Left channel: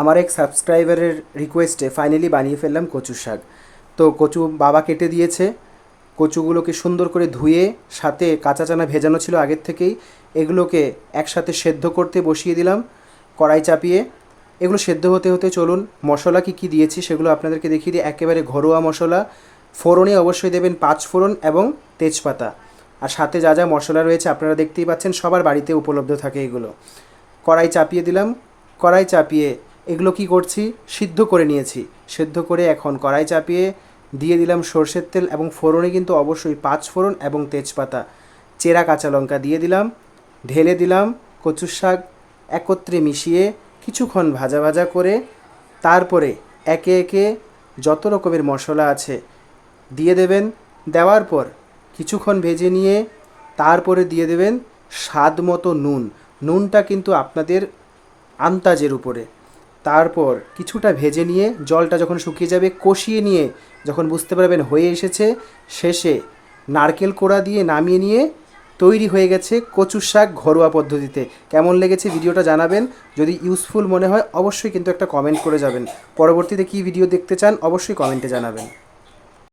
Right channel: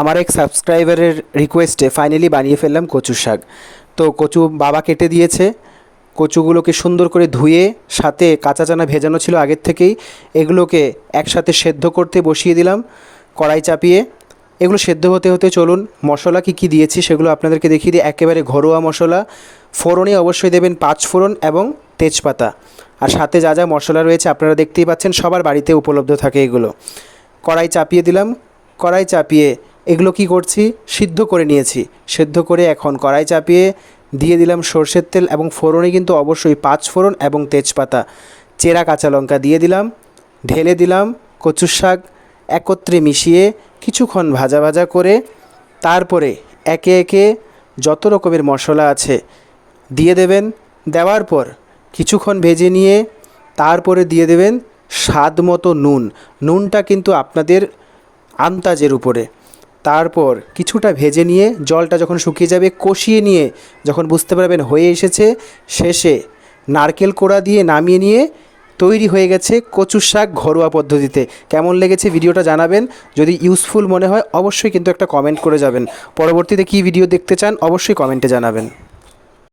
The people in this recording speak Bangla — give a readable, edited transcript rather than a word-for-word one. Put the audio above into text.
আমার এক সাবস্ক্রাইবারের রিকোয়েস্টে ফাইনালি বানিয়ে ফেললাম কচুর শাক। তো কচু বাবা কেটে দিয়েছে। কচুগুলোকে সুন্দর করে ধুয়ে সাথে কাঁচা চানা ভেজানো ছিল আগের থেকেই, এগুলোকে একসাথে সেদ্ধ করতে বসিয়ে দিলাম কড়াই চাপিয়ে। এগুলো সেদ্ধ হতে হতে চলুন মশলা কী কী দিয়েছি সেগুলো আপনাদেরকে দেখিয়ে দিই। একেবারে ঘরোয়া মশলা। ফোড়নে অবশ্যই দেবেন 5 ফোড়ন এবং তেজপাতা। আর সাথে যা যা মশলা রয়েছে আপনারা দেখতেই পাচ্ছেন, সবার বাড়িতে উপলব্ধ থাকে এগুলো। কড়াই চাপিয়ে দিলাম। কড়াই চাপিয়ে এগুলো কি করছি, সিদ্ধ করে নিয়েছি। সেদ্ধ করে এখন কড়াই চাপিয়ে দিয়ে দিলাম সরষের তেল এবং ফোড়নে কিন্তু অবশ্যই 5 ফোড়ন এবং তেজপাতা, চেরা কাঁচা লঙ্কা দিয়ে দিলাম। ঢেলে দিলাম কচুর শাক, একত্রে মিশিয়ে কিছুক্ষণ ভাজা ভাজা করে তারপরে একে একে যত রকমের মশলা আছে দিয়ে দেবেন। দেওয়ার পর কিছুক্ষণ ভেজে নিয়ে তারপরে দিয়ে দেবেন স্বাদ মতো নুন। নুনটা কিন্তু আপনাদের আন্দাজের উপরে। তারপর কিছুটা ভেজে নিয়ে জলটা যখন শুকিয়ে যাবে কষিয়ে নিয়ে যখন বুঝতে পারবেন হয়ে এসেছে, শেষে নারকেল কোড়া দিয়ে নামিয়ে নিয়ে তৈরি হয়ে গেছে কচুর শাক ঘরোয়া পদ্ধতিতে। কেমন লেগেছে ভিডিওটা জানাবেন। যদি ইউজফুল মনে হয় অবশ্যই কিন্তু একটা কমেন্ট করে যাবেন। পরবর্তীতে কী ভিডিও দেখতে চান অবশ্যই কমেন্টে জানাবেন।